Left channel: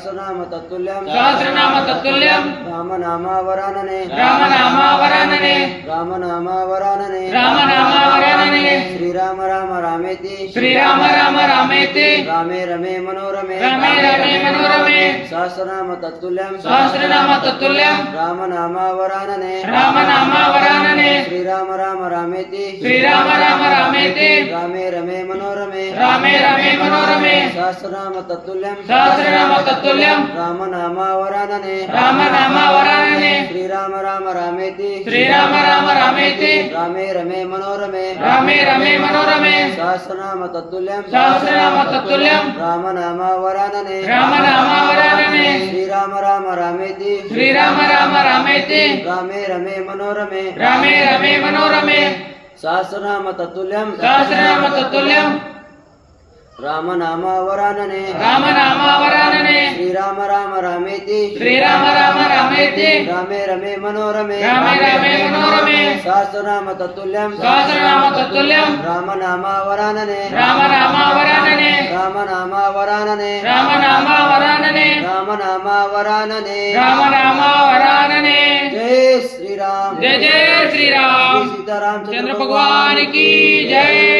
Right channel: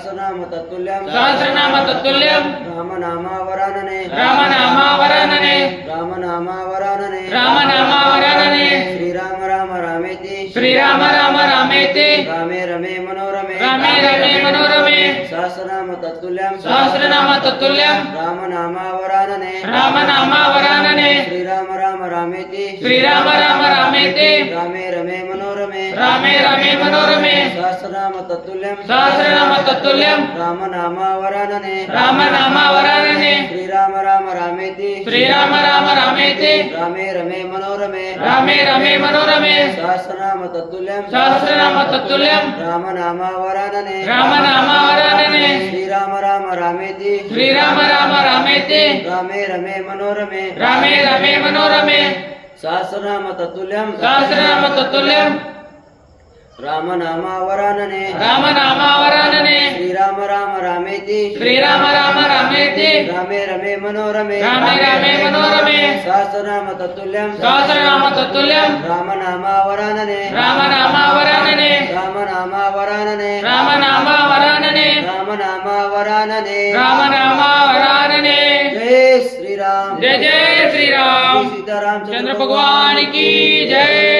सहस्रनाम तत्तुल्यं सहस्रनाम तत्तुल्यं रामनामावरानने रामनामावरानने रामनामावरानने रामनामावरानने श्रीराम राम रामेति श्रीराम राम रामेति रामे रमे मनोरमे रामे रमे मनोरमे सहस्रनाम तत्तुल्यं सहस्रनाम तत्तुल्यं रामनामावरानने रामनामावरानने श्रीराम राम रामेति श्रीराम राम रामेति रामे रमे मनोरमे रामे रमे मनोरमे सहस्रनाम तत्तुल्यं सहस्रनाम तत्तुल्यं रामनामावरानने रामनामावरानने श्रीराम राम रामेति श्रीराम राम रामेति रामे रमे मनोरमे रामे रमे मनोरमे सहस्रनाम तत्तुल्यं सहस्रनाम तत्तुल्यं रामनामावरानने रामनामावरानने श्रीराम राम रामेति श्रीराम राम रामेति रामे रमे मनोरमे रामे रमे मनोरमे सहस्रनाम तत्तुल्यं सहस्रनाम तत्तुल्यं रामनामावरानने रामनामावरानने श्रीराम राम रामेति श्रीराम राम रामेति रामे रमे मनोरमे रामे रमे मनोरमे सहस्रनाम तत्तुल्यं सहस्रनाम तत्तुल्यं रामनामावरानने रामनामावरानने रामनामावरानने रामनामावरानने रामनामावरानने रामनामावरानने जय श्री राम जय जय श्री राम सीताराम चंद्र भगवान की जय।